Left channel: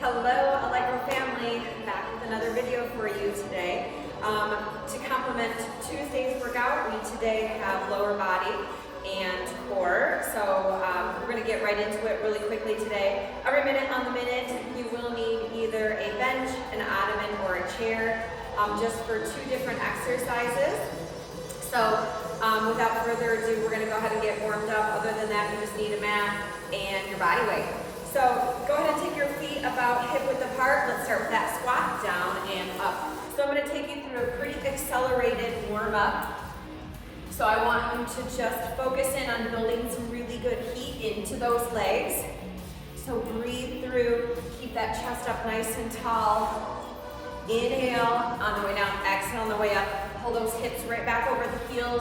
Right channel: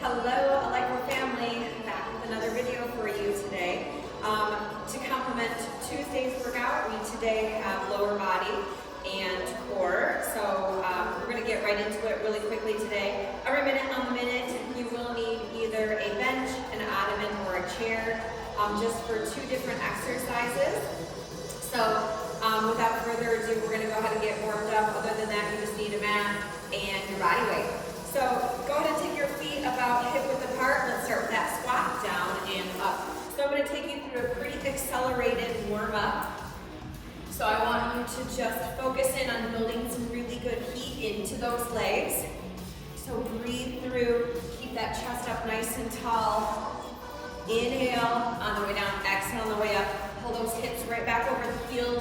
Hello, Allegro family, back with another video for you today. To complement Tuesday's workout, we today have lower body and core. So we're going to get right into it really quickly today. Every minute on the minute, you will need either a bench, an ottoman, or a chair, just for two different exercises. So without further ado, we're going to go ahead and get warmed up. Other than that, you just need a mat and your body weight. So go ahead and take your feet about hip width apart. Let's start with that squat, down and up. So I'm going to take you through a pretty accelerated warm up. So I want you to just focus in on building some really good heat into those legs. So breathe through, keep that chest up nice and tall. Inhale on the way down, exhale on the way up. Pull those hips right back over the heels.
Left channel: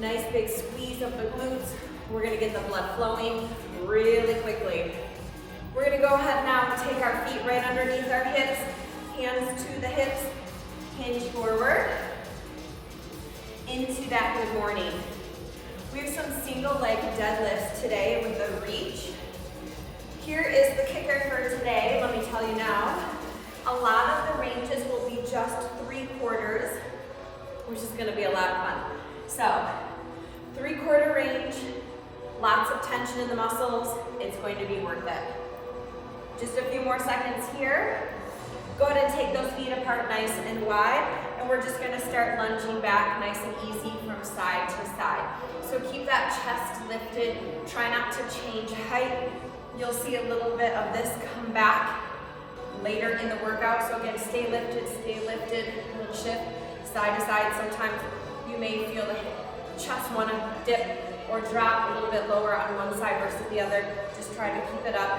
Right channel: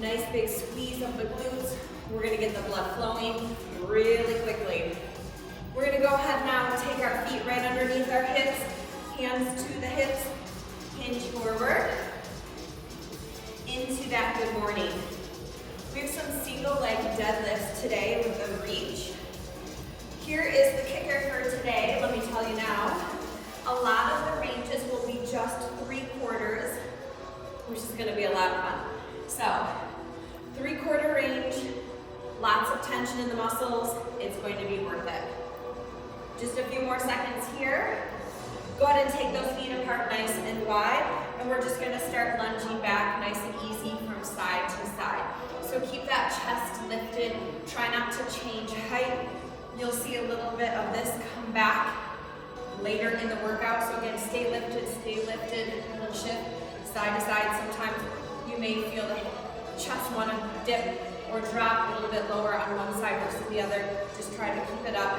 Nice big squeeze of the glutes. We're going to get the blood flowing really quickly. We're going to go ahead now and take our feet right underneath our hips, hands to the hips, hinge forward, into that good morning. We have some single leg deadlifts today with a reach. Here is the kicker for today, let me tell you now. A lot of the ranges will be just 3/4, which is going to be a lot of fun. So, 3/4 range, lots of tension in the muscles, it's going to be worth it. Just a few more seconds here. Go ahead and take those feet apart nice and wide, and we're just going to start lunging back nice and easy from side to side. So keep that chest lifted, try not to change height. You'll see a little bit of this come back later in the workout, so again, stay lifted, we'll shift side to side. Sometimes you may feel the chest want to dip or drop a little bit lower on one side versus the other. Just try to keep it up.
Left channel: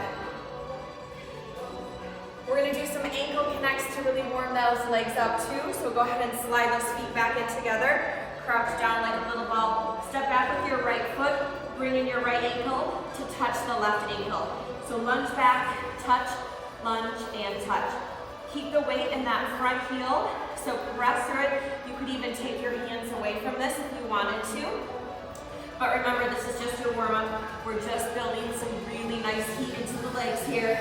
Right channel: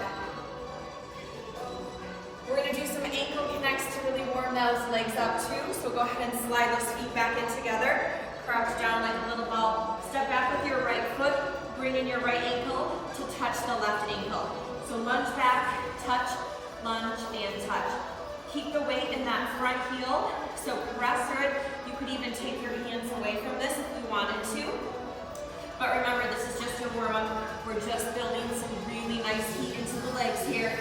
We're going to do some ankle connects to really warm those legs up too. So go ahead and slide those feet back in together. Crouch down like a little ball. Step back with your right foot. Bring in your right ankle to touch the left ankle. So lunge back, touch, lunge, and touch. Keep the weight in that front heel. So press through it. You could even take your hands away from this if you wanted to. But remember, this is just your warm up. We're just building some really nice heat into the legs here.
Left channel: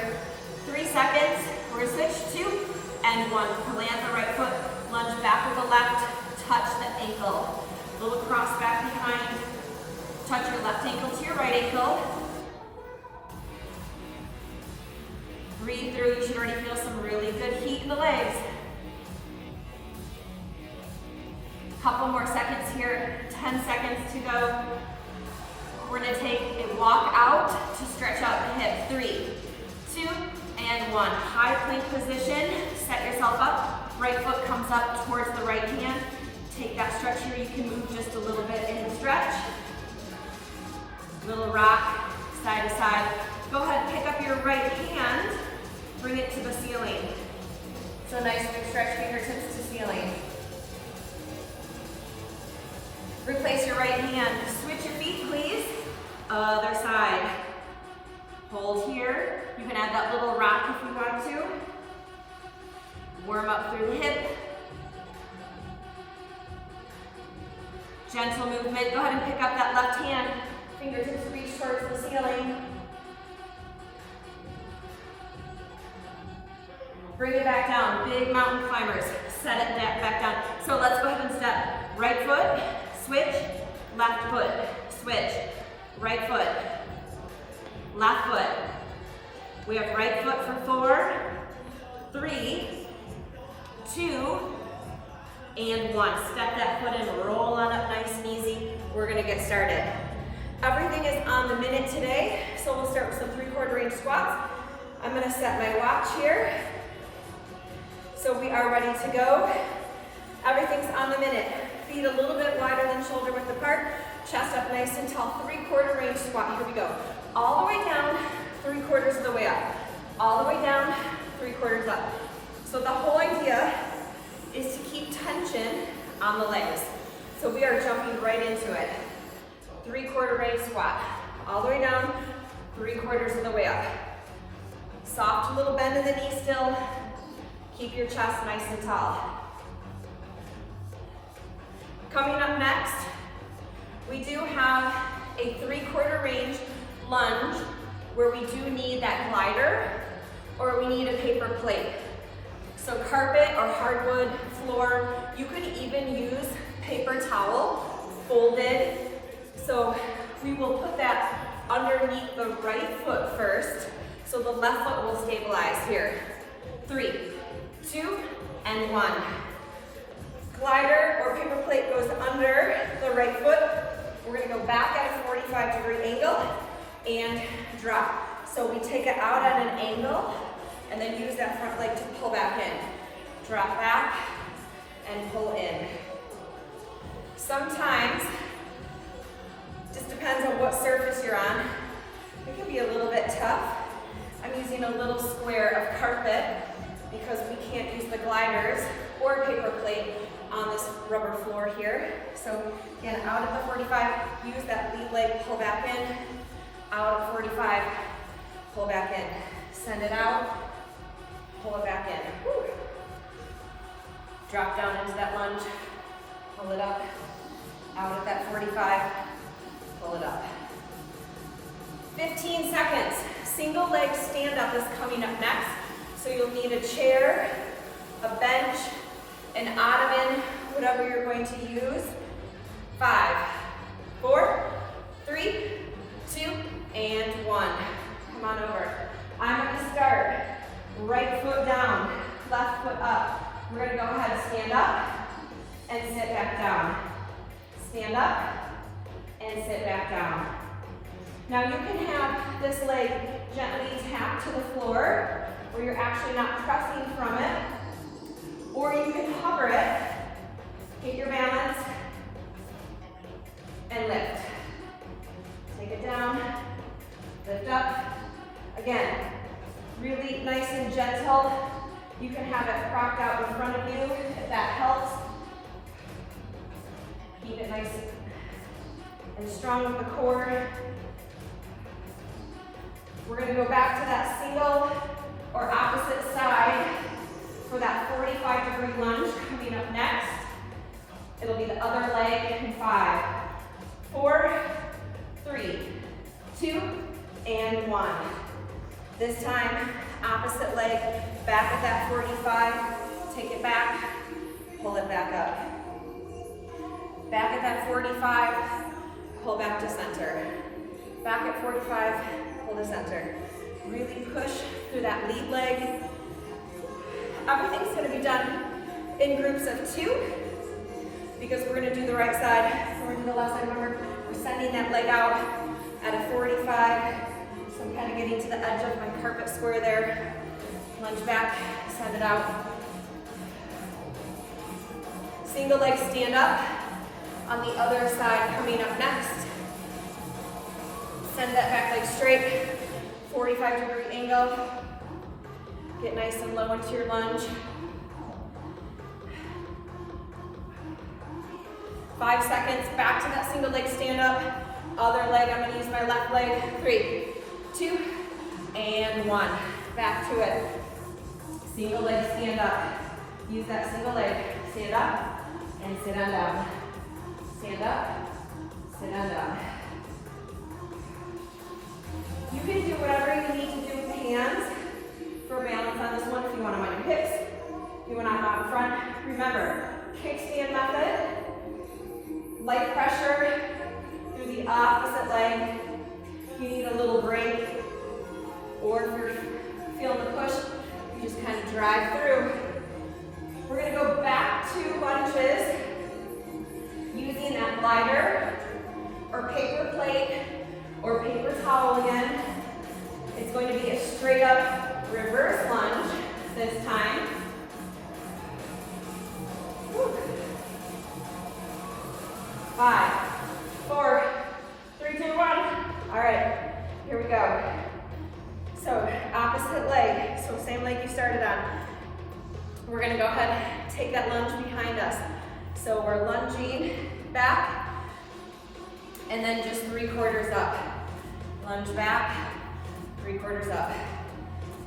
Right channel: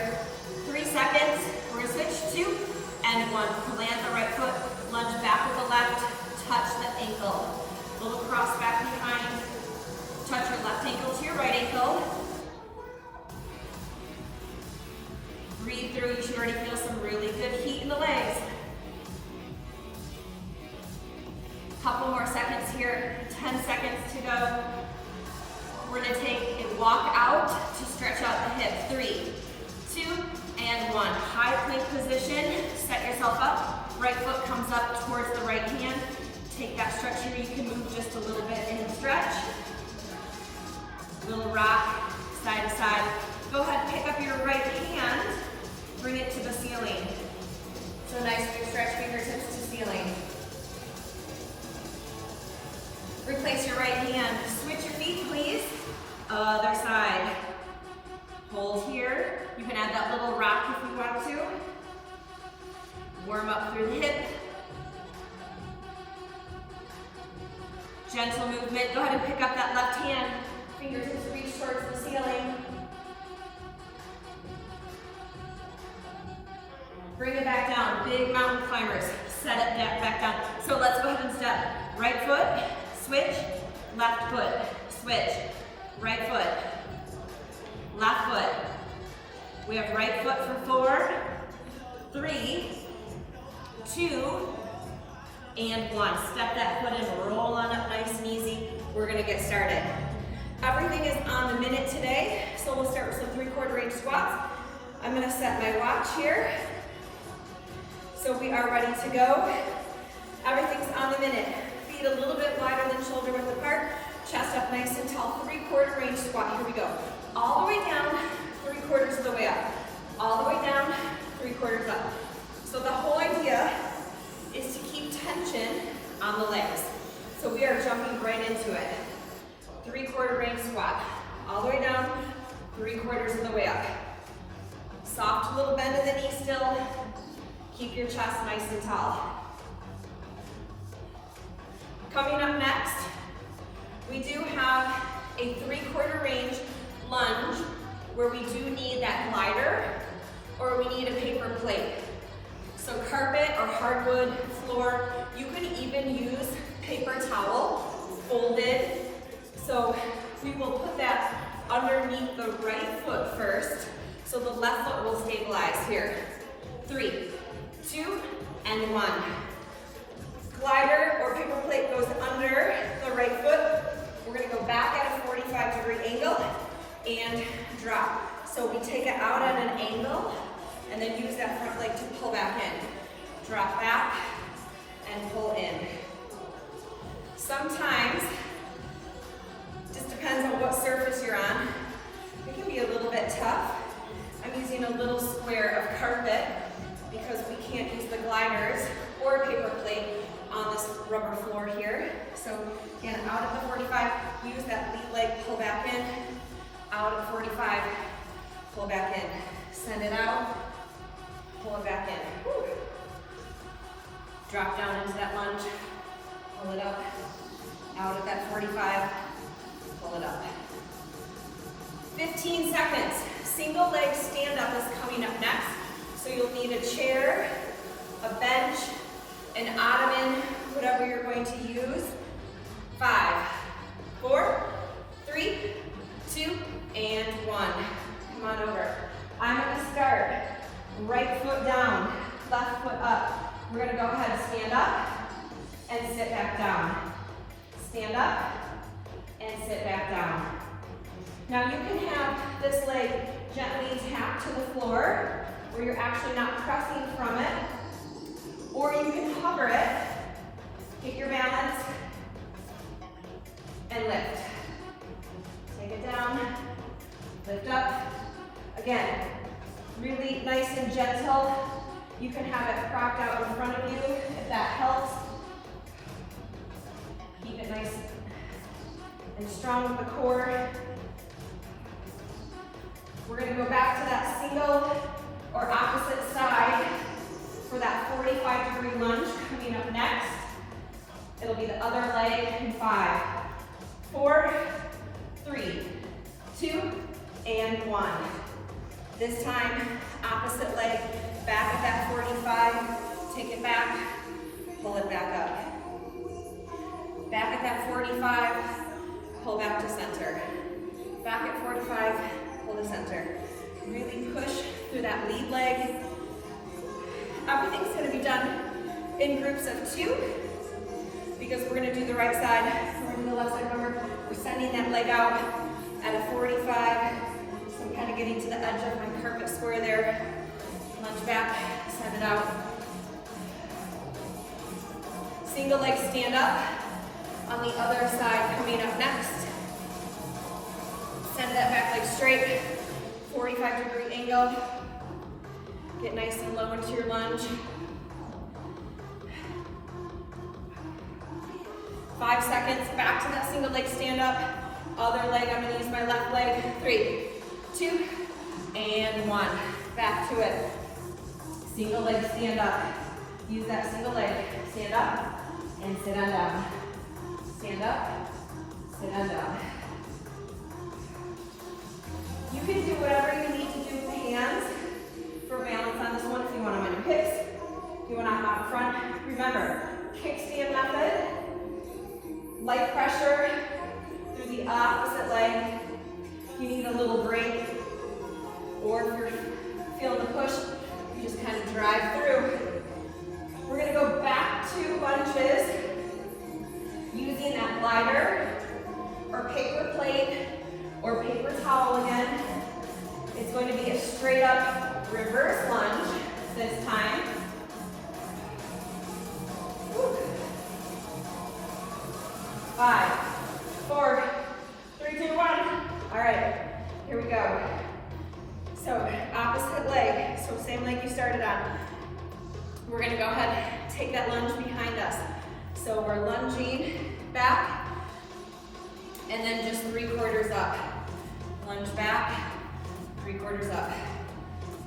3 seconds, we're going to switch 2 and 1. Plant the right foot, lunge back with the left, touch the ankle. Little cross back behind, touch your left ankle to your right ankle. Breathe through, you should already feel some really good heat in the legs. Couple more seconds here, 10 seconds to go. We're going to take a walk out to stretch out the hip. 3, 2, and 1. High plank position, set yourself up. Right foot comes up towards the right hand. Take that stretch here. You can move just a little bit and stretch. Little rock, side to side. Go ahead and pick up your right hand. Bring it to the ceiling. So nice big stretch, fingertips to ceiling. Replace your right hand. Switch your feet, please. Other side. Hold here. You can add that little rock if you want to. Warm up through the hip. Gentle movement. Go ahead and pick up that left hand. Fingertips reach towards the ceiling. Bring it back down. Big mountain climbers. Set it back down. So let's go ahead and step. Right foot, switch, left foot, switch, right foot, left foot. We have right foot for 4, 3, 2, and 1. Step that foot and roll on up nice and easy. We're going to get started. Everything is on the minute today, so we'll start with some 3/4 range squats. I'm going to set my watch here. So we are ready to go. Everything's on the minute. Feet a little bit wider than shoulder width apart. Chest up nice and tall. 3/4 range squat. Here we go. All the way down. 3/4 of the way up. All the way down, 3/4 up. So the whole idea is to keep tension on the legs. So we are jumping right into it. 3/4 range squat. All the way down, 3/4 of the way up. Soft little bend in the knee still. Keep your chest nice and tall. Coming up next, we do have a 3/4 range lunge where we do need that glider or we need a paper plate. So carpet or hardwood floor, you could even use paper towel, folded. So we will put that underneath the right foot first, so the left foot will stabilize here. 3, 2, and 1. Glider or paper plate goes under the right foot. We're gonna go back at a 45-degree angle and drop. So we take it out at an angle and then use that front leg to pull back in. Drop back and pull in. Sometimes, just depends on what surface you're on, it can be a little bit tough. I'm using a little square of carpet because we can't use the gliders or paper plate on this rubber floor here. So again, out at the 45, use that lead leg, pull back in. Out at 45, pull back in. Send it out, pull it back in. Woo. Drop down into that lunge, pull it up. Out at that 45, pull it up. 15 seconds. Single leg stand up is coming up next. So you'll need a chair, a bench, an ottoman, whatever you're going to use. 5, 4, 3, 2, and 1. Come on over. I'm going to start right foot down, left foot up. We're going to go ahead and stand up and sit back down. Stand up and sit back down. Now you can have this leg gently tap to the floor where you're actually not pressing from it, or you can hover it, get your balance, and lift. Take it down, lift up. Again, really nice and gentle. You can have it propped out in front of you if that helps. Keep it nice and strong with the core. We're going to go back to that single or opposite side for that 45-degree lunge coming up next. It'll be the other leg in 5, 4, 3, 2, and 1. This time, opposite leg back at that 45, take it back, pull it back up. Back at that 45, pull back to center. Back at 45, pull to center. Really push through that lead leg. Everything's going to be done in groups of 2 because we're going to do the right side. We're going to do the left side. Remember, we're sending that leg out at a 45. So I'm kind of getting to the edge of my carpet square there. Lunge back, send it out. Single leg stand up. On the other side coming up next. Send that back leg straight. 45-degree angle. Get nice and low into your lunge. 5 seconds, back to that single leg stand up. Other leg, I'm gonna use my left leg. 3, 2, and 1. Back to it. Single leg stand up. Use that single leg. Stand up and sit on down. Stand up, sit on down. You can do whatever you need to do with the hands for balance on this one. If you want them on your hips, if you want them out in front. Remember, kickstand method, light pressure through the opposite leg. If you need a little break, or if you're feeling the push, you just kind of drive through. We're gonna go back to lunges using that glider or paper plate or paper towel again. It's going to be a straight up reverse lunge this time. Woo. 5, 4, 3, 2, 1. All right, here we go. So opposite leg, so same leg you started on. We're gonna go ahead and take that lunge behind us. So we're lunging back, and then just 3/4 up. Lunge back, 3/4 up.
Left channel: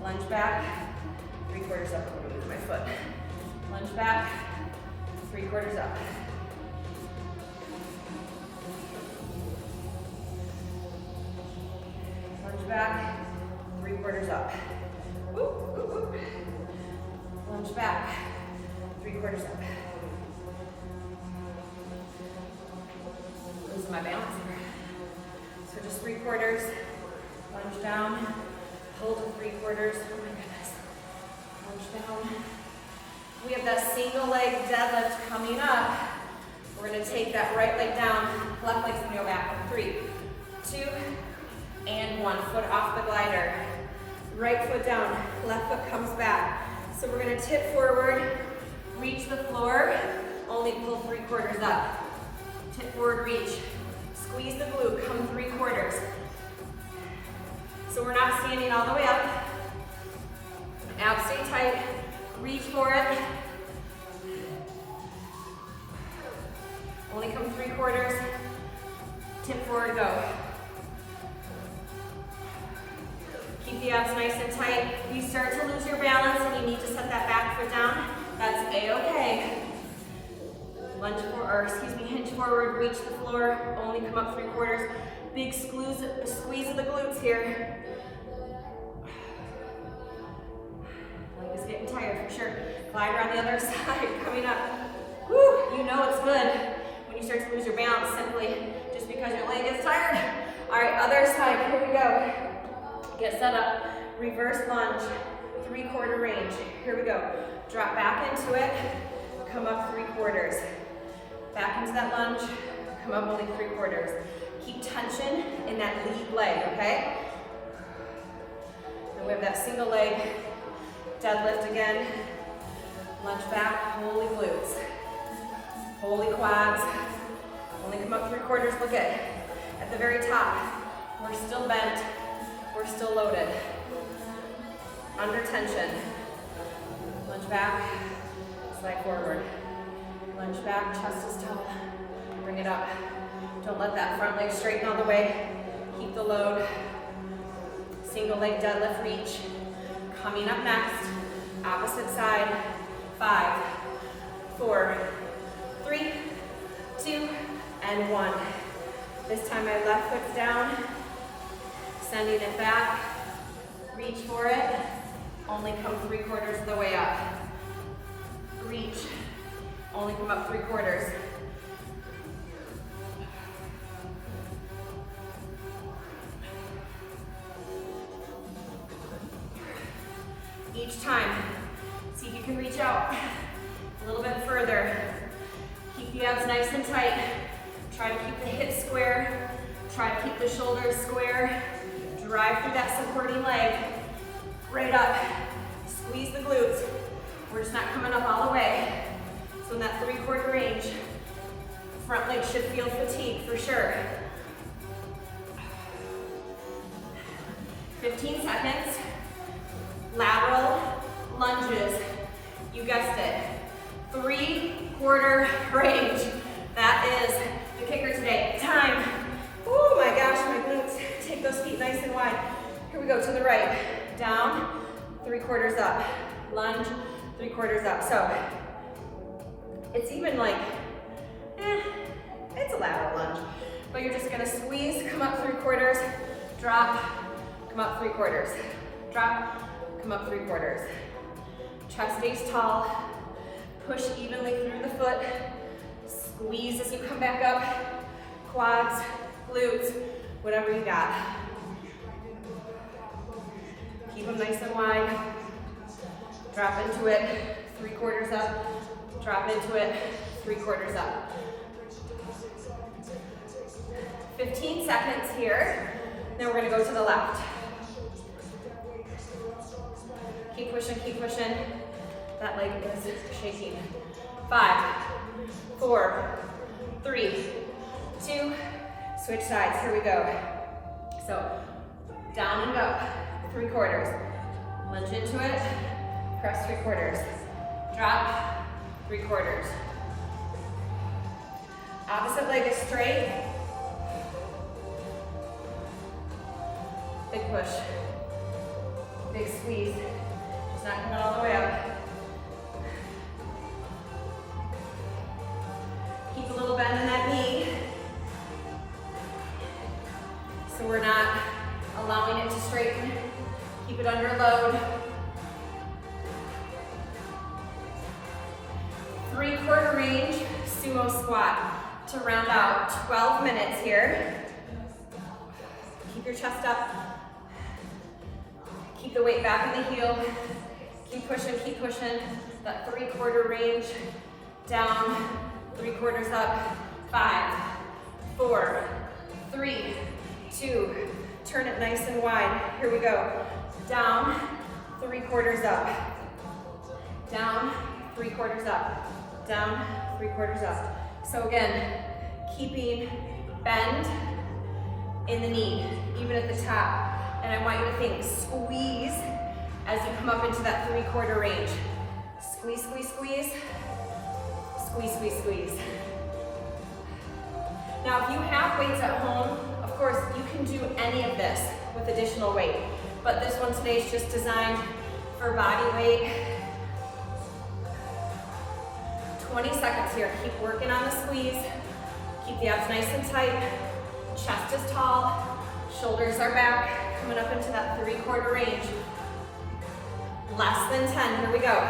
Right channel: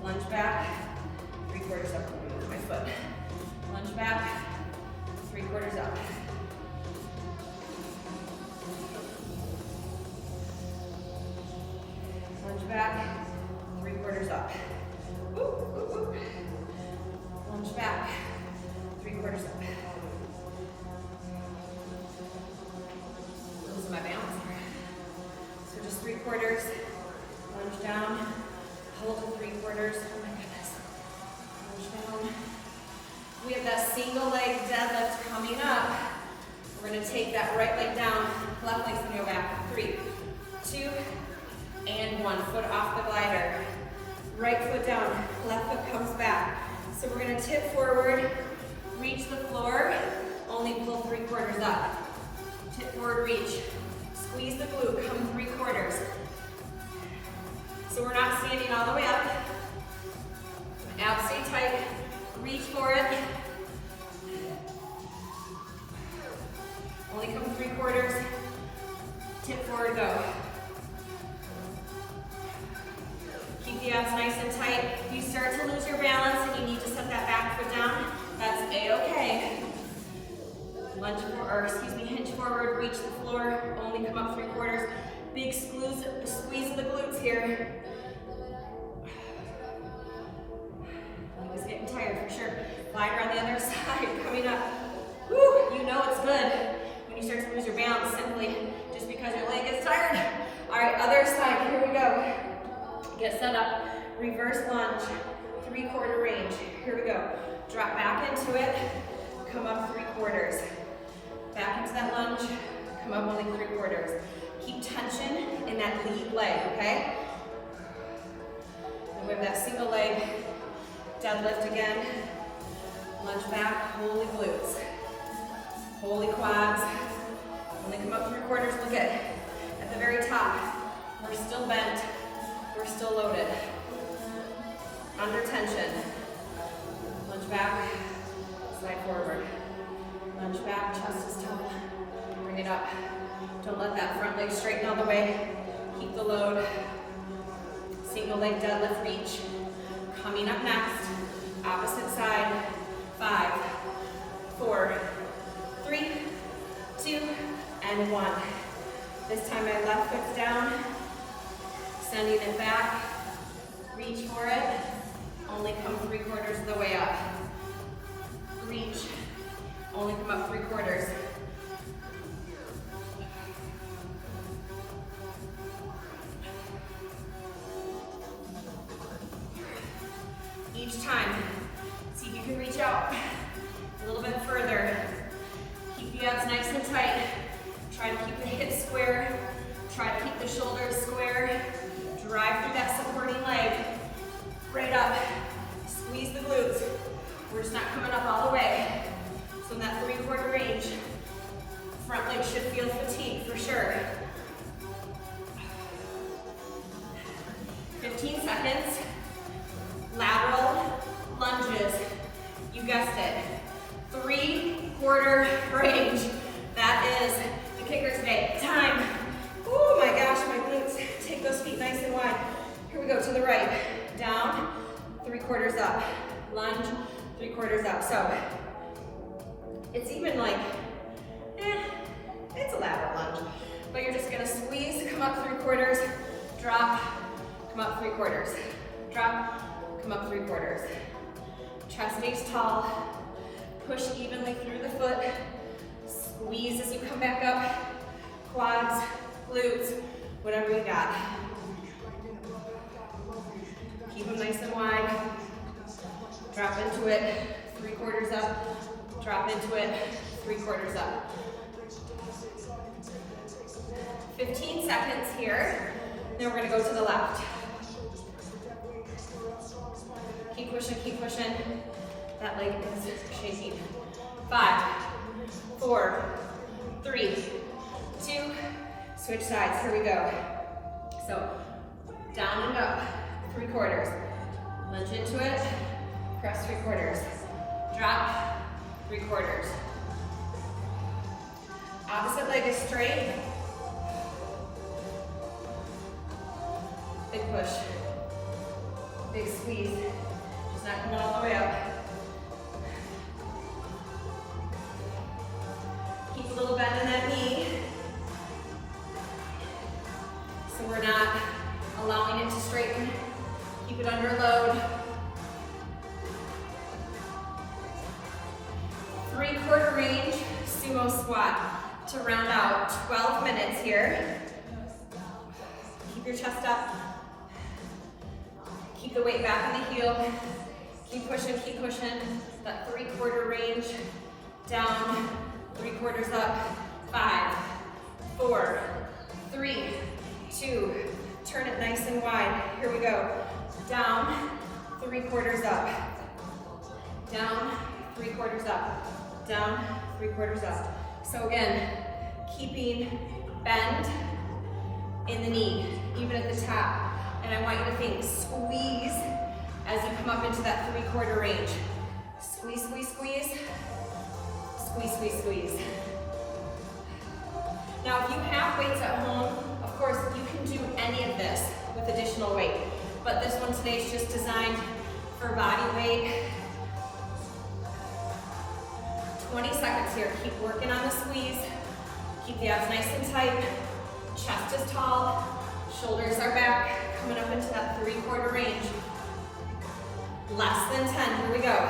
Lunge back, 3/4 up. I'm gonna move my foot. Lunge back, 3/4 up. Lunge back, 3/4 up. Woo. Lunge back, 3/4 up. Losing my balance here. So just 3/4, lunge down, hold to 3/4. Oh my goodness. Lunge down. We have that single leg deadlift coming up. We're gonna take that right leg down, left leg's gonna go back. 3, 2, and 1. Foot off the glider. Right foot down, left foot comes back. So we're gonna tip forward, reach the floor, only pull 3/4 up. Tip forward, reach. Squeeze the glute, come 3/4. So we're not standing all the way up. Abs stay tight, reach for it. Only come 3/4. Tip forward, go. Keep the abs nice and tight. If you start to lose your balance and you need to set that back foot down, that's a-okay. Lunge forward, hinge forward, reach the floor, only come up 3/4. Big squeeze of the glutes here. It's getting tired for sure. Glider on the other side, coming up. Woo, you know it's good when you start to lose your balance simply just because your leg is tired. All right, other side, here we go. Get set up, reverse lunge, 3/4 range. Here we go. Drop back into it, come up 3/4. Back into that lunge, come up only 3/4. Keep tension in that lead leg, okay? And we have that single leg deadlift again. Lunge back, holy glutes. Holy quads. Only come up 3/4, look at the very top. We're still bent, we're still loaded. Under tension. Lunge back, slide forward. Lunge back, chest is tough. Bring it up. Don't let that front leg straighten all the way. Keep the load. Single leg deadlift reach. Coming up next, opposite side. 5, 4, 3, 2, and 1. This time my left foot's down. Sending it back. Reach for it. Only come 3/4 of the way up. Reach. Only come up 3/4. Each time, see if you can reach out a little bit further. Keep the abs nice and tight. Try to keep the hips square. Try to keep the shoulders square. Drive through that supporting leg. Right up. Squeeze the glutes. We're just not coming up all the way. So in that 3/4 range, front leg should feel fatigued for sure. 15 seconds. Lateral lunges. You guessed it. 3/4 range. That is the kicker today. Time. Oh my gosh, my glutes. Take those feet nice and wide. Here we go to the right. Down, 3/4 up. Lunge, 3/4 up. So it's even like, it's a lateral lunge. But you're just gonna squeeze, come up 3/4, drop, come up 3/4. Drop, come up 3/4. Chest stays tall. Push evenly through the foot. Squeeze as you come back up. Quads, glutes, whatever you got. Keep them nice and wide. Drop into it, 3/4 up. Drop into it, 3/4 up. 15 seconds here. Then we're gonna go to the left. Keep pushing, keep pushing. That leg is shaking. 5, 4, 3, 2, switch sides, here we go. So, down and up, 3/4. Lunge into it, press 3/4. Drop, 3/4. Opposite leg is straight. Big push, big squeeze. Just not coming all the way up. Keep a little bend in that knee. So we're not allowing it to straighten. Keep it under load. 3/4 range sumo squat to round out 12 minutes here. Keep your chest up. Keep the weight back on the heel. Keep pushing, keep pushing. That 3/4 range. Down, 3/4 up. 5, 4, 3, 2. Turn it nice and wide. Here we go. Down, 3/4 up. Down, 3/4 up. Down, 3/4 up. So again, keeping bend in the knee, even at the top. And I want you to think, squeeze as you come up into that 3/4 range. Squeeze, squeeze, squeeze. Squeeze, squeeze, squeeze. Now, if you have weights at home, of course, you can do any of this with additional weight. But this one today is just designed for body weight. 20 seconds here. Keep working on the squeeze. Keep the abs nice and tight. Chest is tall. Shoulders are back. Coming up into that 3/4 range. Less than 10. Here we go.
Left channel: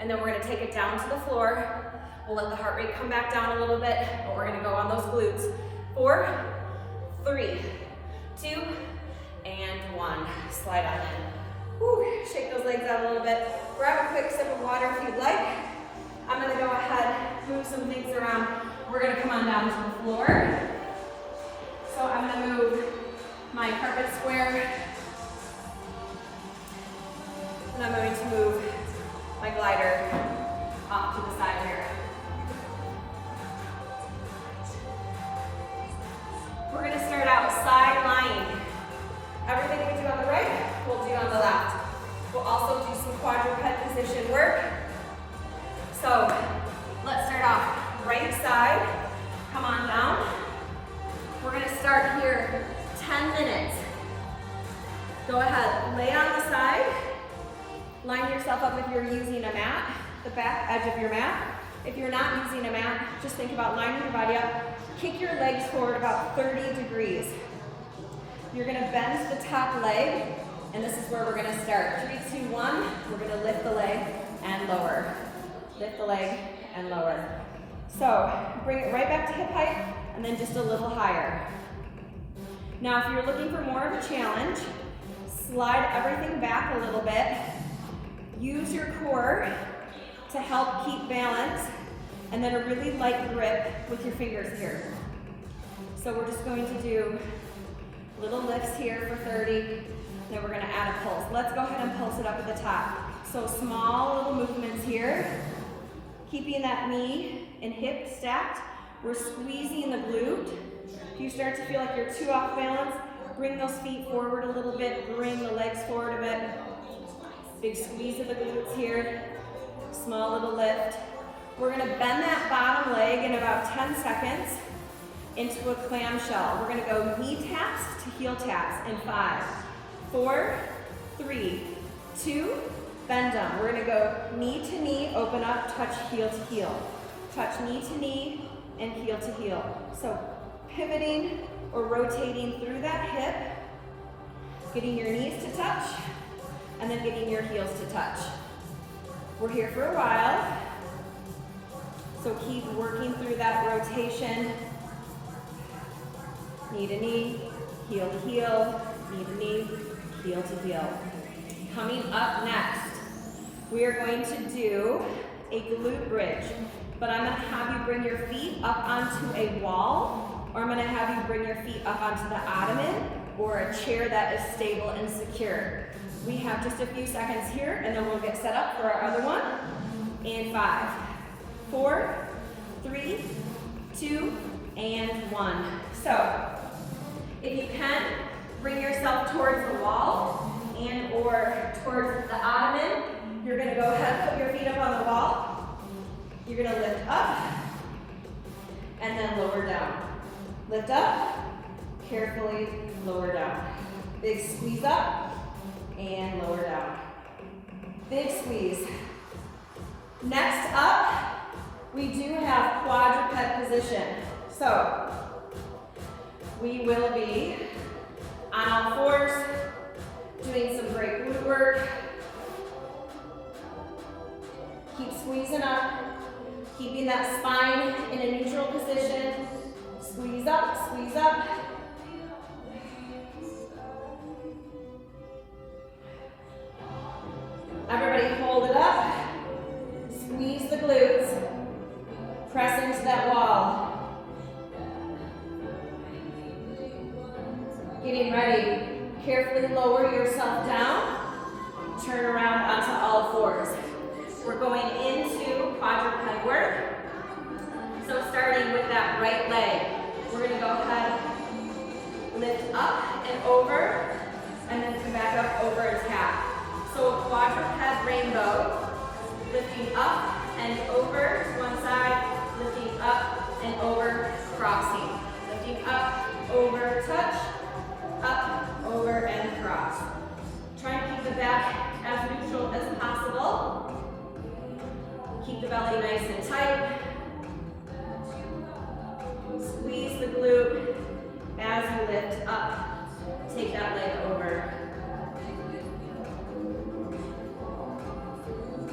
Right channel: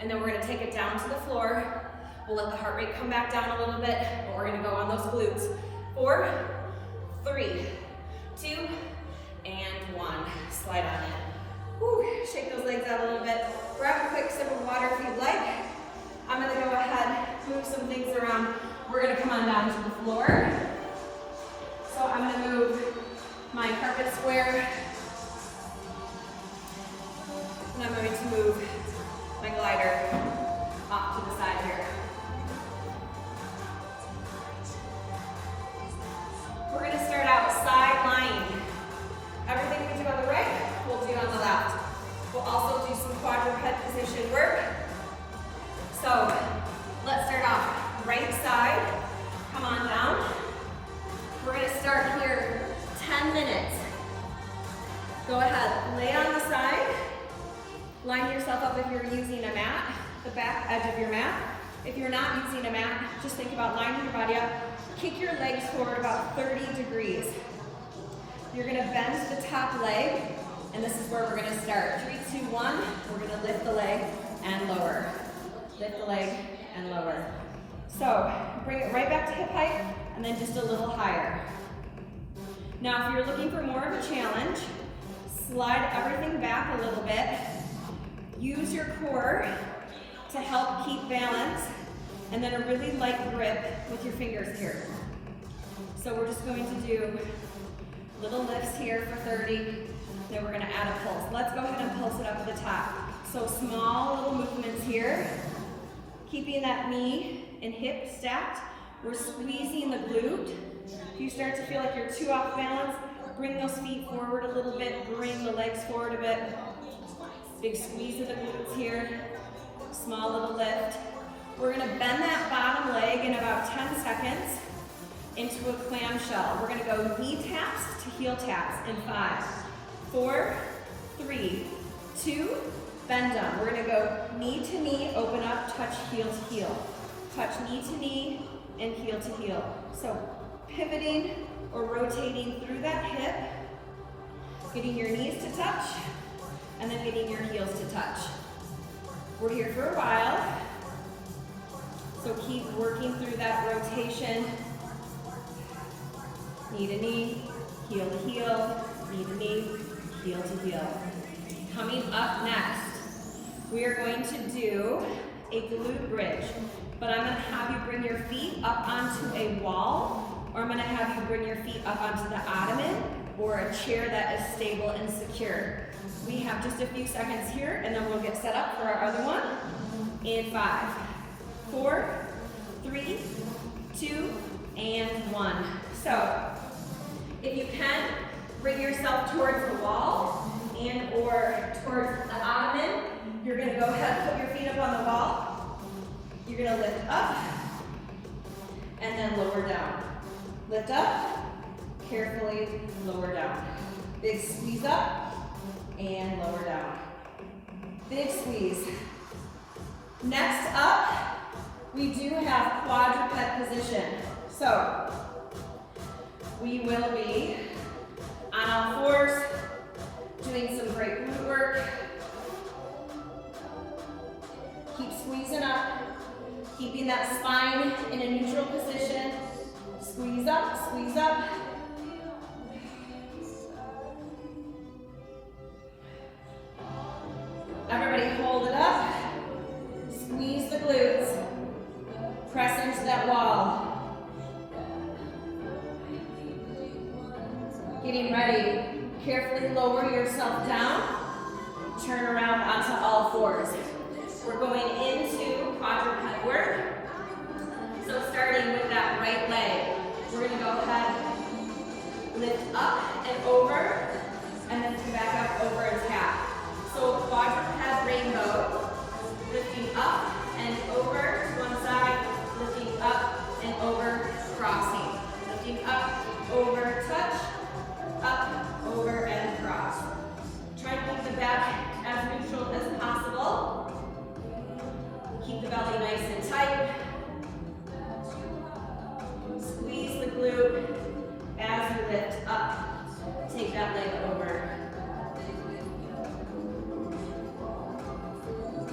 And then we're going to take it down to the floor. We'll let the heart rate come back down a little bit, but we're going to go on those glutes. 4, 3, 2, and 1. Slide on in. Whew. Shake those legs out a little bit. Grab a quick sip of water if you'd like. I'm going to go ahead, move some things around. We're going to come on down to the floor. So I'm going to move my carpet square. And I'm going to move my glider off to the side here. We're going to start out side lying. Everything we do on the right, we'll do on the left. We'll also do some quadruped position work. So let's start off right side. Come on down. We're going to start here 10 minutes. Go ahead, lay on the side. Line yourself up if you're using a mat, the back edge of your mat. If you're not using a mat, just think about lining your body up. Kick your legs forward about 30 degrees. You're gonna bend the top leg, and this is where we're gonna start. 3, 2, 1, we're gonna lift the leg and lower. Lift the leg and lower. So, bring it right back to hip height, and then just a little higher. Now, if you're looking for more of a challenge, slide everything back a little bit. Use your core to help keep balance, and then a really light grip with your fingers here. So we're just going to do little lifts here for 30, then we're going to add a pulse. Let's go ahead and pulse it up at the top. So small little movements here, keeping that knee and hip stacked. We're squeezing the glute. If you start to feel like you're too off balance, bring those feet forward a little bit, bring the legs forward a bit. Big squeeze of the glutes here, small little lift. We're gonna bend that bottom leg in about 10 seconds into a clamshell. We're gonna go knee taps to heel taps in 5, 4, 3, 2, bend down. We're gonna go knee to knee, open up, touch heel to heel. Touch knee to knee and heel to heel. So pivoting or rotating through that hip, getting your knees to touch, and then getting your heels to touch. We're here for a while, so keep working through that rotation. Knee to knee, heel to heel, knee to knee, heel to heel. Coming up next, we are going to do a glute bridge, but I'm gonna have you bring your feet up onto a wall, or I'm gonna have you bring your feet up onto the ottoman, or a chair that is stable and secure. We have just a few seconds here, and then we'll get set up for our other one. In 5, 4, 3, 2, and 1. So, if you can, bring yourself towards the wall and or towards the ottoman. You're gonna go ahead and put your feet up on the wall. You're gonna lift up, and then lower down. Lift up, carefully lower down. Big squeeze up, and lower down. Big squeeze. Next up, we do have quadruped position. So, we will be on all fours, doing some great glute work. Keep squeezing up, Keeping that spine in a neutral position. Squeeze up, squeeze up. Everybody hold it up. Squeeze the glutes. Press into that wall. Getting ready. Carefully lower yourself down. Turn around onto all fours. We're going into quadruped work. So starting with that right leg, we're going to go ahead, lift up and over, and then come back up over and tap. So quadruped rainbow, lifting up and over to one side, lifting up and over, crossing. Lifting up, over, touch, up, over, and cross. Try to keep the back as neutral as possible. Keep the belly nice and tight. Squeeze the glute as you lift up. Take that leg over.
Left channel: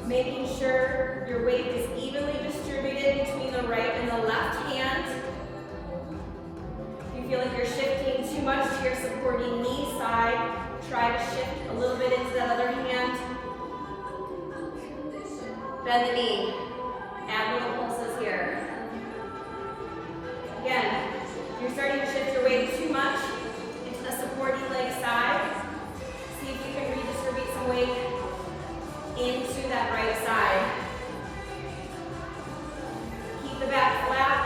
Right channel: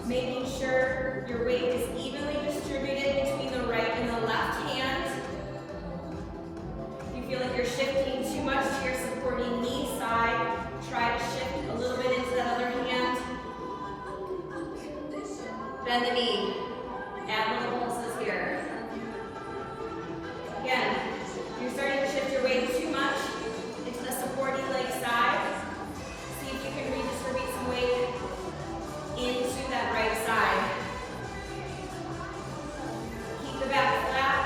Making sure your weight is evenly distributed between the right and the left hand. If you feel like you're shifting too much to your supporting knee side, try to shift a little bit into that other hand. Bend the knee. Add little pulses here. Again, you're starting to shift your weight too much into the supporting leg side. See if you can redistribute some weight into that right side. Keep the back flat.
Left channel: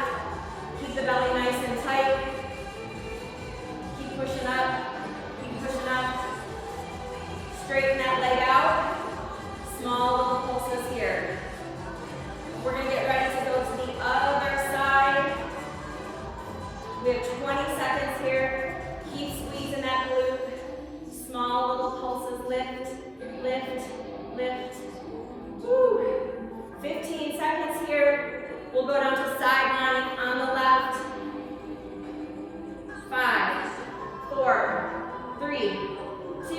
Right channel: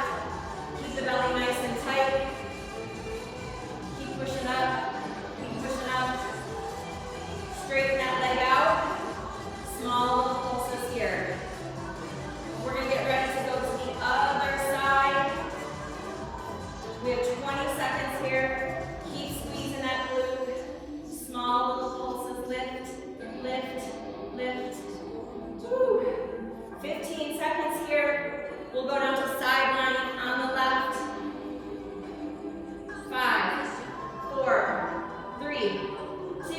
Keep the belly nice and tight. Keep pushing up. Keep pushing up. Straighten that leg out. Small little pulses here. We're going to get ready to go to the other side. We have 20 seconds here. Keep squeezing that glute. Small little pulses. Lift, lift, lift. Woo. 15 seconds here. We'll go down to side running on the left. 5, 4, 3, 2,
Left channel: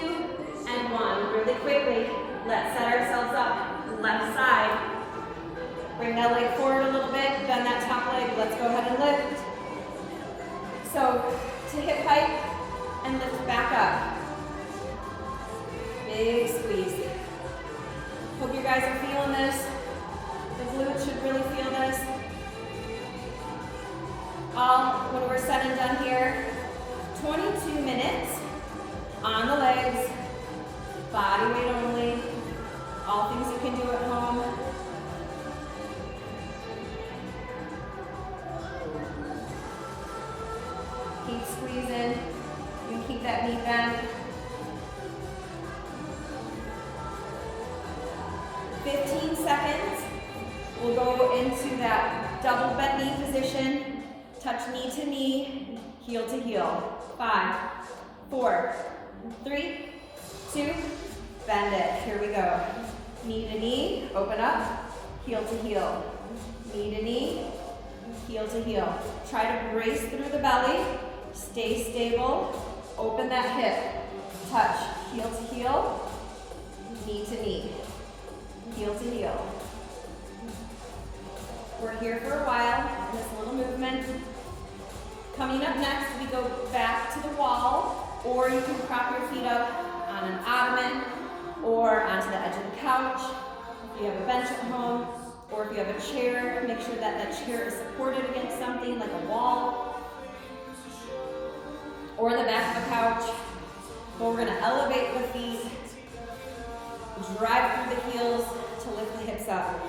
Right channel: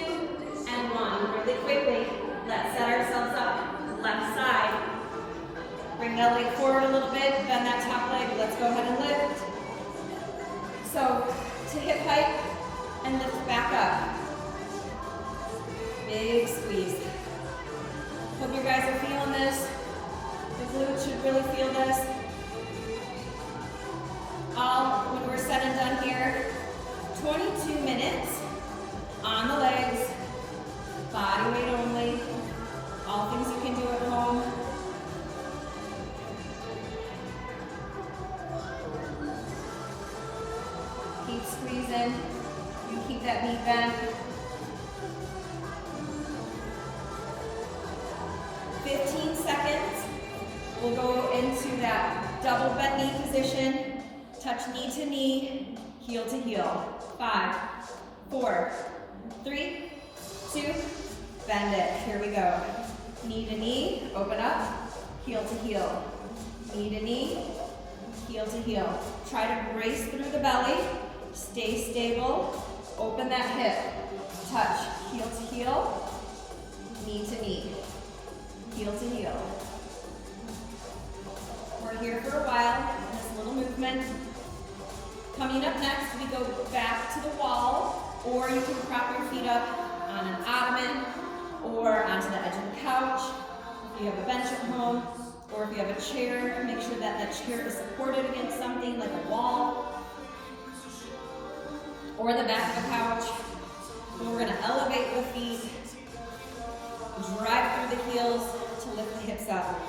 and 1. Really quickly, let's set ourselves up. Left side. Bring that leg forward a little bit, bend that top leg. Let's go ahead and lift. So, take it tight and lift back up. Big squeeze. Hope you guys are feeling this. The glutes should really feel this. When we're said and done here, 22 minutes on the legs, body weight only, all things you can do at home. Keep squeezing. You keep that knee bent. 15 seconds. We'll go into that double bent knee position. Touch knee to knee, heel to heel. 5, 4, 3, 2, bend it. Here we go. Knee to knee, open up, heel to heel. Knee to knee, heel to heel. Try to brace through the belly. Stay stable. Open that hip. Touch. Heel to heel. Knee to knee. Heel to heel. We're here for a while in this little movement. Coming up next, we go back to the wall, or you can prop your feet up on an ottoman or onto the edge of the couch. If you have a bench at home, or if you have a chair, make sure that the chair is supported against something like a wall or the back of the couch. But we're going to elevate the feet, drive through the heels to lift the hips up.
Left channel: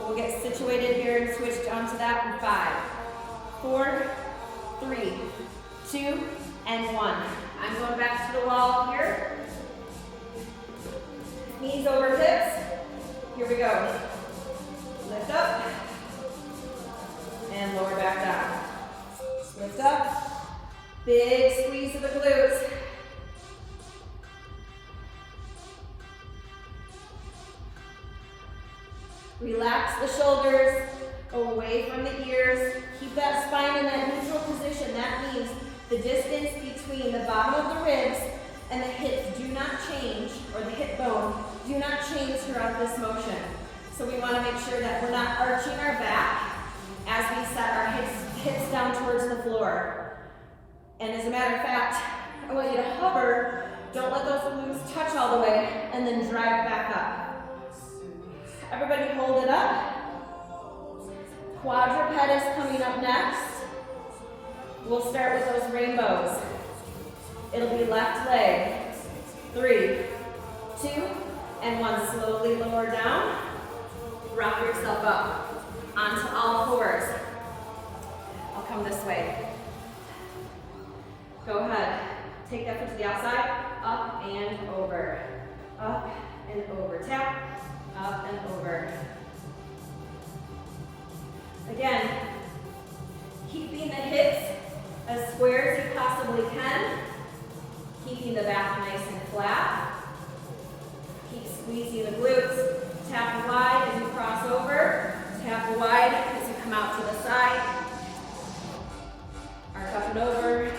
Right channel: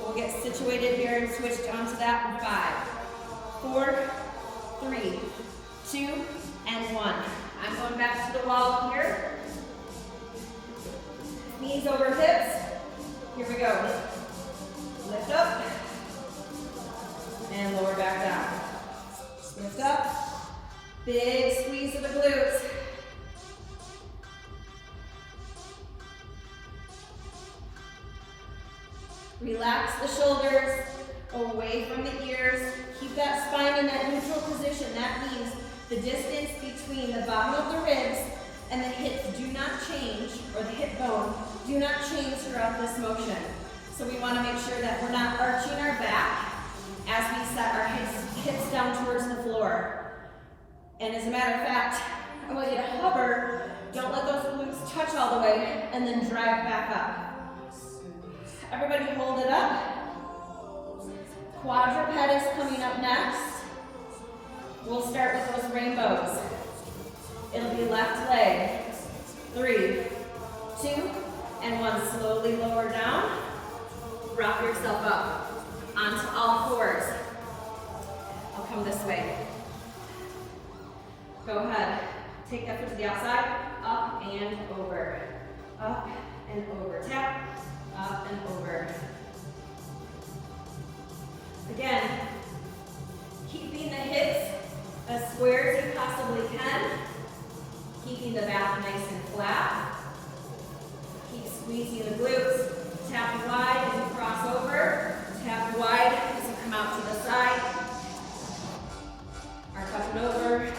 We'll get situated here and switch down to that in 5, 4, 3, 2, and 1. I'm going back to the wall here. Knees over hips. Here we go. Lift up and lower back down. Lift up. Big squeeze of the glutes. Relax the shoulders, go away from the ears. Keep that spine in that neutral position. That means the distance between the bottom of the ribs and the hips do not change, or the hip bone, do not change throughout this motion. So we want to make sure that we're not arching our back as we set our hips down towards the floor. And as a matter of fact, I want you to hover, don't let those glutes touch all the way, and then drag back up. Everybody hold it up. Quadruped is coming up next. We'll start with those rainbows. It'll be left leg. 3, 2, and 1. Slowly lower down. Rock yourself up onto all fours. I'll come this way. Go ahead. Take that foot to the outside. Up and over. Up and over. Tap. Up and over. Again, keeping the hips as square as you possibly can. Keeping the back nice and flat. Keep squeezing the glutes. Tap wide as you cross over. Tap wide as you come out to the side. Arch up and over.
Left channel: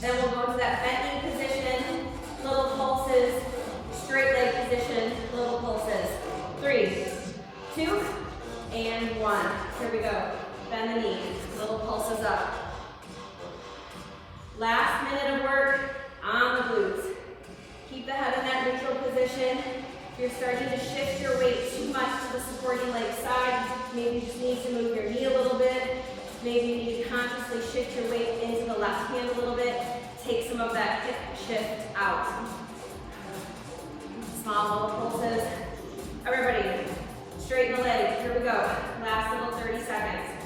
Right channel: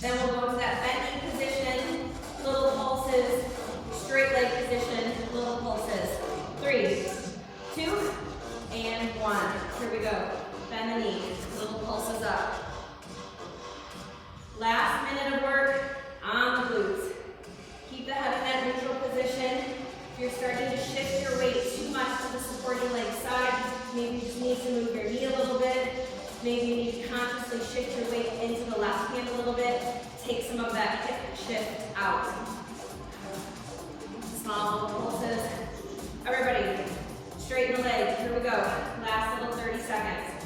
Then we'll go to that bent knee position, little pulses, straight leg position, little pulses. 3, 2, and 1. Here we go. Bend the knee, little pulses up. Last minute of work on the glutes. Keep the head in that neutral position. If you're starting to shift your weight too much to the supporting leg side, maybe you just need to move your knee a little bit. Maybe you need to consciously shift your weight into the left hand a little bit. Take some of that hip shift out. Small little pulses. Everybody, straighten the legs. Here we go. Last little 30 seconds.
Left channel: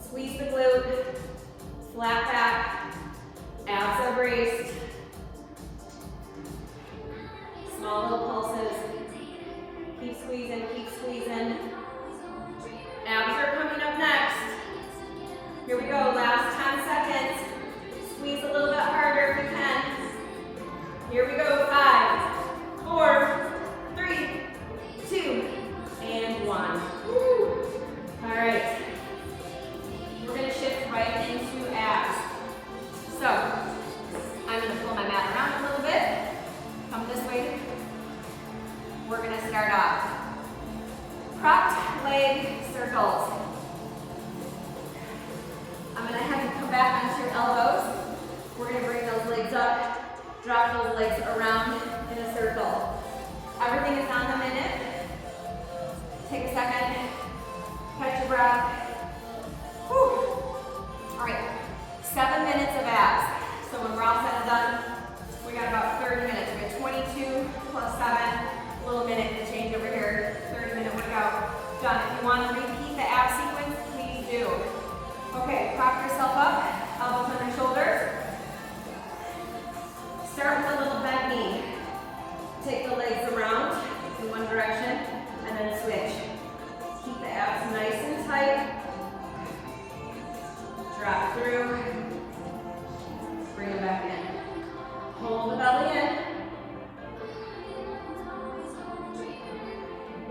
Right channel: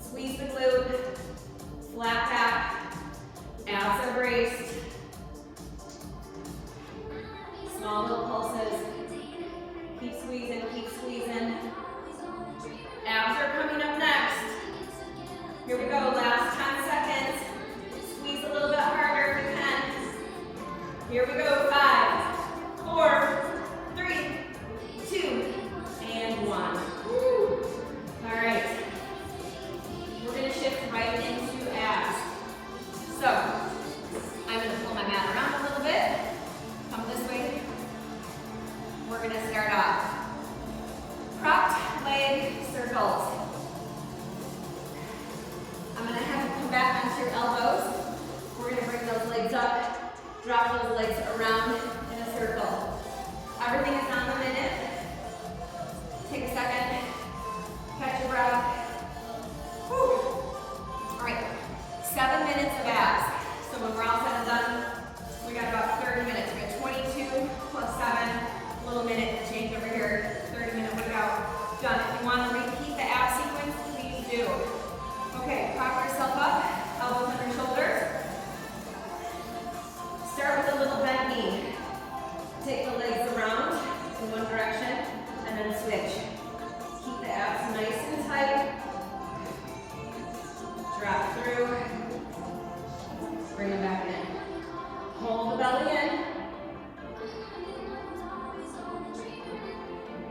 Squeeze the glute. Flat back. Abs are braced. Small little pulses. Keep squeezing, keep squeezing. Abs are coming up next. Here we go, last 10 seconds. Squeeze a little bit harder if you can. Here we go, 5, 4, 3, 2, and 1. Woo. All right. We're gonna shift right into abs. So, I'm gonna pull my mat around a little bit. Come this way. We're gonna start off. Cropped leg circles. I'm going to have you come back onto your elbows. We're going to bring those legs up, drop those legs around in a circle. Everything is on the minute. Take a second, catch your breath. Whew. All right, 7 minutes of abs. So when we're all set and done, we got about 30 minutes. We got 22 plus 7, a little minute change over here. 30-minute workout done. If you want to repeat the ab sequence, please do. Okay, prop yourself up, elbows under shoulders. Start with a little bent knee. Take the legs around in one direction and then switch. Keep the abs nice and tight. Drop through. Bring them back in. Hold the belly in.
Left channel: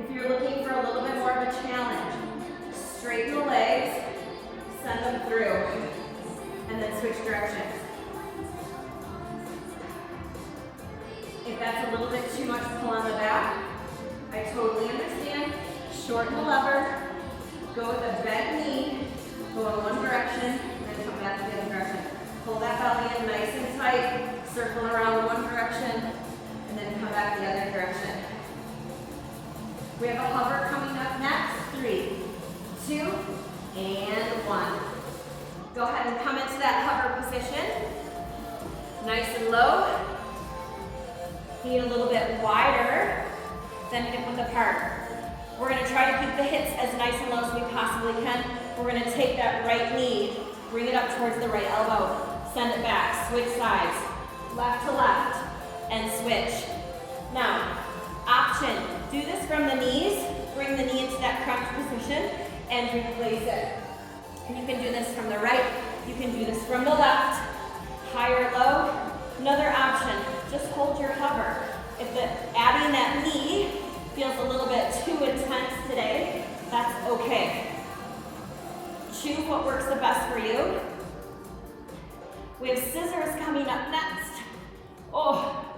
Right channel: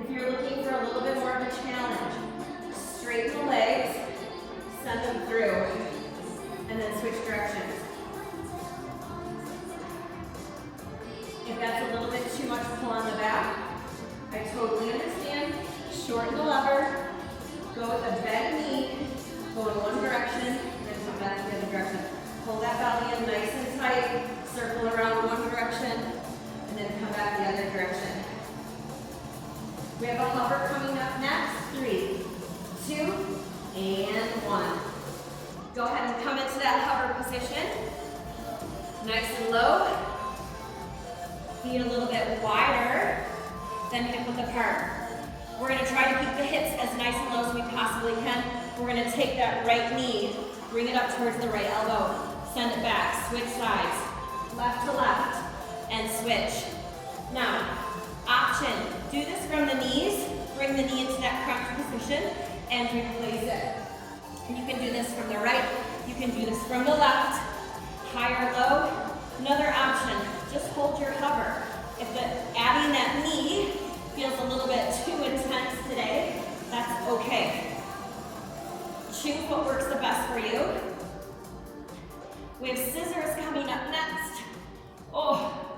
If you're looking for a little bit more of a challenge, straighten the legs, send them through, and then switch directions. If that's a little bit too much pull on the back, I totally understand. Shorten the lever, go with a bent knee, go in one direction, and come back to the other direction. Pull that belly in nice and tight, circle around one direction, and then come back the other direction. We have a hover coming up next. 3, 2, and 1. Go ahead and come into that hover position. Nice and low. Feet a little bit wider than hip width apart. We're going to try to keep the hips as nice and low as we possibly can. We're going to take that right knee, bring it up towards the right elbow, send it back, switch sides, left to left, and switch. Now, option, do this from the knees, bring the knee into that crouch position, and replace it. You can do this from the right, you can do this from the left, high or low. Another option, just hold your hover. If adding that knee feels a little bit too intense today, that's okay. choose what works the best for you. We have scissors coming up next. Oh,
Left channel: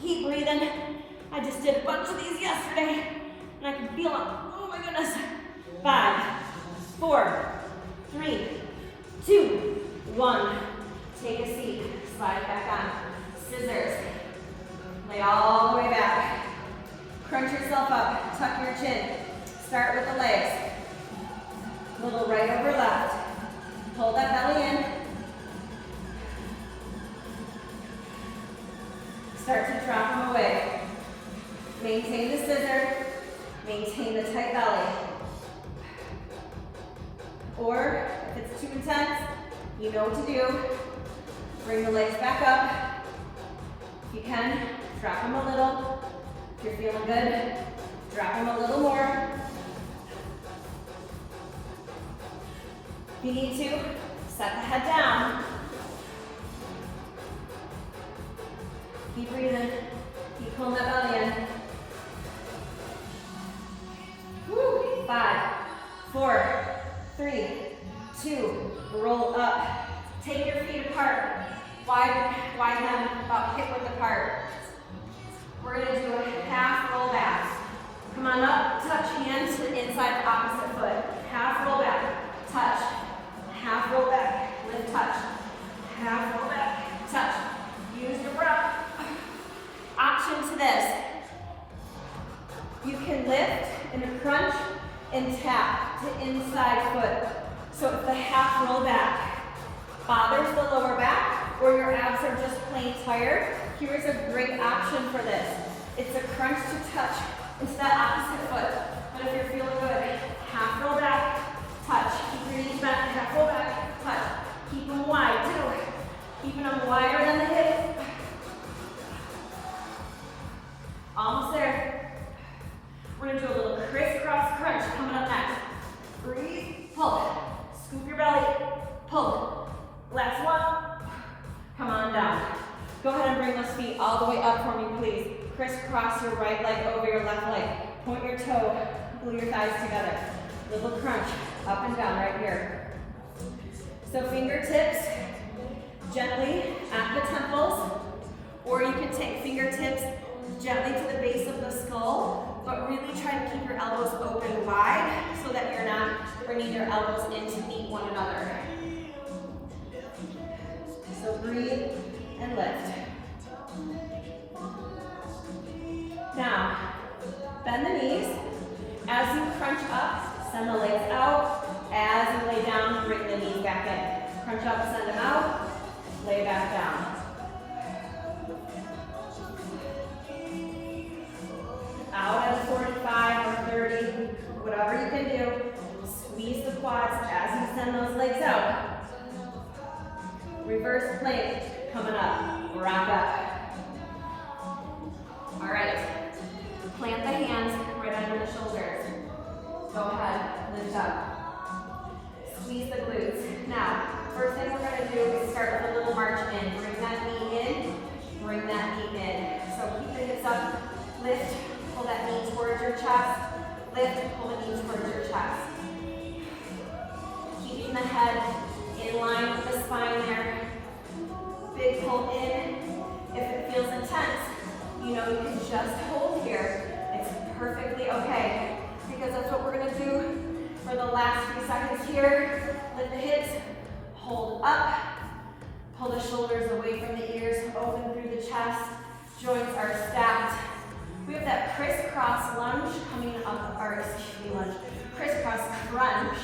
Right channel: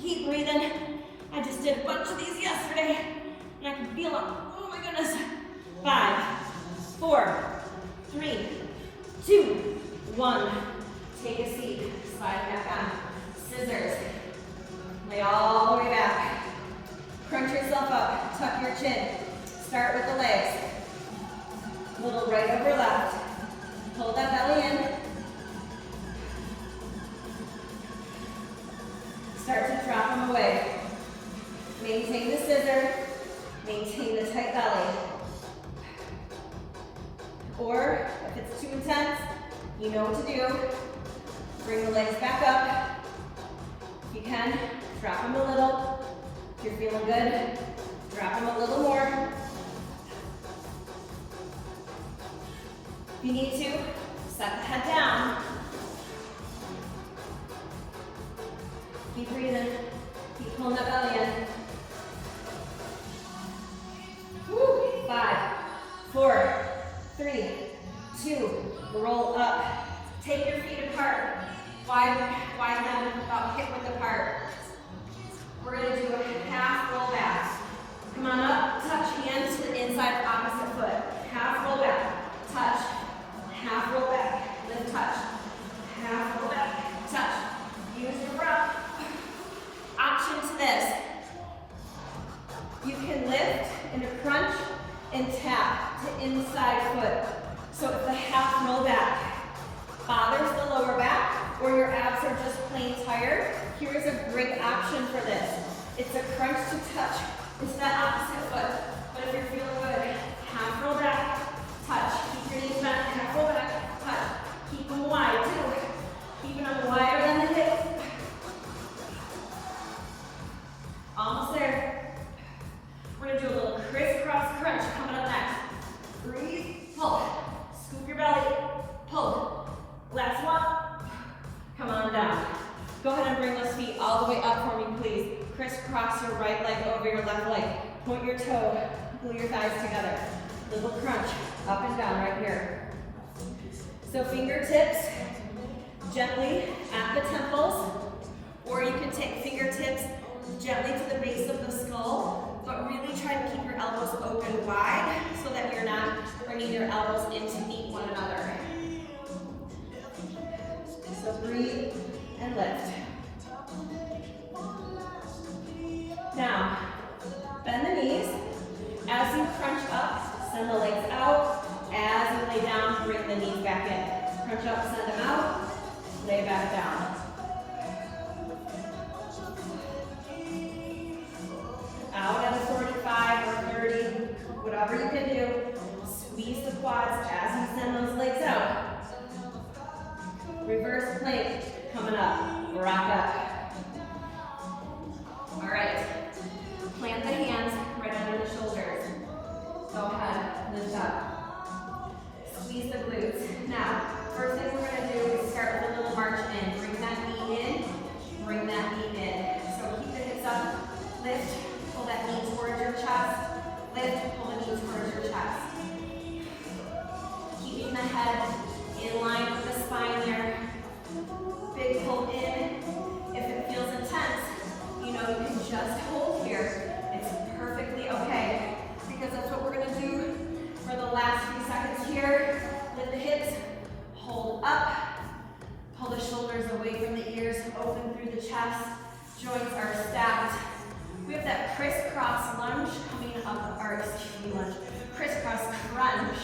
keep breathing. I just did a bunch of these yesterday, and I can feel them. Oh my goodness. 5, 4, 3, 2, 1. Take a seat. Slide back on. Scissors. Lay all the way back. Crunch yourself up. Tuck your chin. Start with the legs. Little right over left. Hold that belly in. Start to drop them away. Maintain the scissor. Maintain the tight belly. Or, if it's too intense, you know what to do. Bring the legs back up. If you can, drop them a little. If you're feeling good, drop them a little more. If you need to, set the head down. Keep breathing. Keep pulling that belly in. Woo. 5, 4, 3, 2, roll up. Take your feet apart. Widen them about hip width apart. We're going to do a half roll back. Come on up, touch hands to the inside of opposite foot. Half roll back, touch. Half roll back, lift, touch. Half roll back, touch. Use your breath. Option to this. You can lift in a crunch and tap to inside foot. So if the half roll back bothers the lower back or your abs are just plain tired, here's a great option for this. It's a crunch to touch into that opposite foot. But if you're feeling good, half roll back, touch. Keep your knees back, half roll back, touch. Keep them wide too. Keeping them wider than the hip. Almost there. We're gonna do a little crisscross crunch coming up next. Breathe, pull. Scoop your belly, pull. Last one. Come on down. Go ahead and bring those feet all the way up for me, please. Crisscross your right leg over your left leg. Point your toe, glue your thighs together. Little crunch, up and down right here. So fingertips gently at the temples, or you can take fingertips gently to the base of the skull, but really try to keep your elbows open wide so that you're not bringing your elbows in to meet one another. So breathe and lift. Now, bend the knees. As you crunch up, send the legs out. As you lay down, bring the knees back in. Crunch up, send them out, lay back down. Out at 45 or 30, whatever you can do. Squeeze the quads as you send those legs out. Reverse plank, coming up, rock up. All right, plant the hands right under the shoulders. Go ahead, lift up. Squeeze the glutes. Now, first thing we're gonna do is start with a little march in. Bring that knee in, bring that knee in. So keep the hips up, lift, pull that knee towards your chest, lift, pull the knee towards your chest. Keeping the head in line with the spine there. Big pull in. If it feels intense, you know you can just hold here. It's perfectly okay, because that's what we're gonna do for the last few seconds here. Lift the hips, hold up, pull the shoulders away from the ears, open through the chest. Joints are stacked. We have that crisscross lunge coming up, or excuse me, lunge, crisscross crunch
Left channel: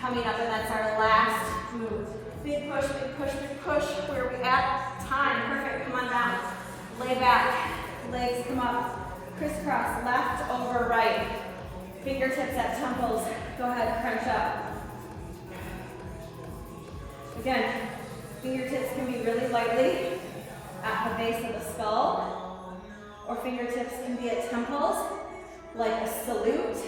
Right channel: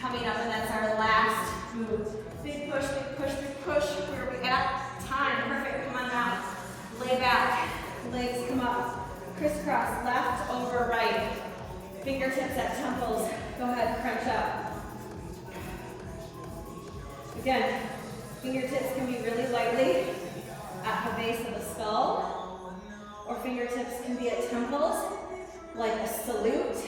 coming up, and that's our last move. Big push, big push, big push. Where are we at? Time, perfect, come on down. Lay back, legs come up. Crisscross, left over right. Fingertips at temples. Go ahead, crunch up. Again, fingertips can be really lightly at the base of the skull, or fingertips can be at temples, like a salute.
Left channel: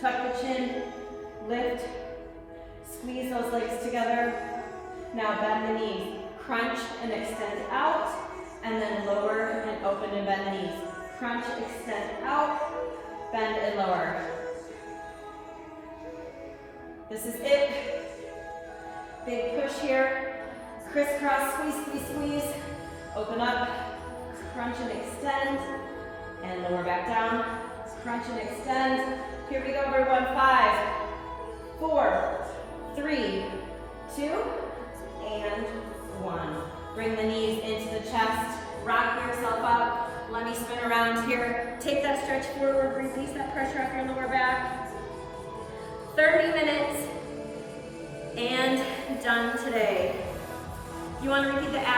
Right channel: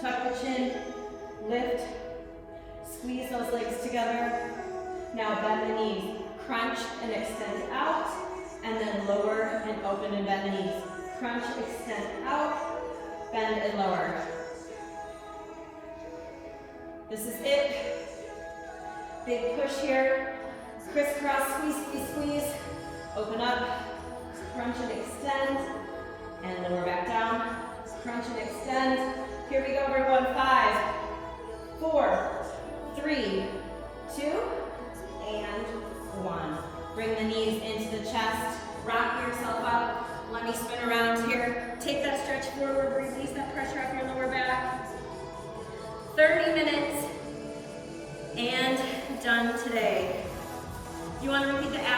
Tuck the chin, lift, squeeze those legs together. Now bend the knees, crunch and extend out, and then lower and open and bend the knees. Crunch, extend out, bend and lower. This is it. Big push here. Crisscross, squeeze, squeeze, squeeze. Open up, crunch and extend, and lower back down. Crunch and extend. Here we go, everyone. 5, 4, 3, 2, and 1. Bring the knees into the chest. Rock yourself up. Let me spin around here. Take that stretch forward. Release that pressure off your lower back. 30 minutes and done today. You want to repeat the abs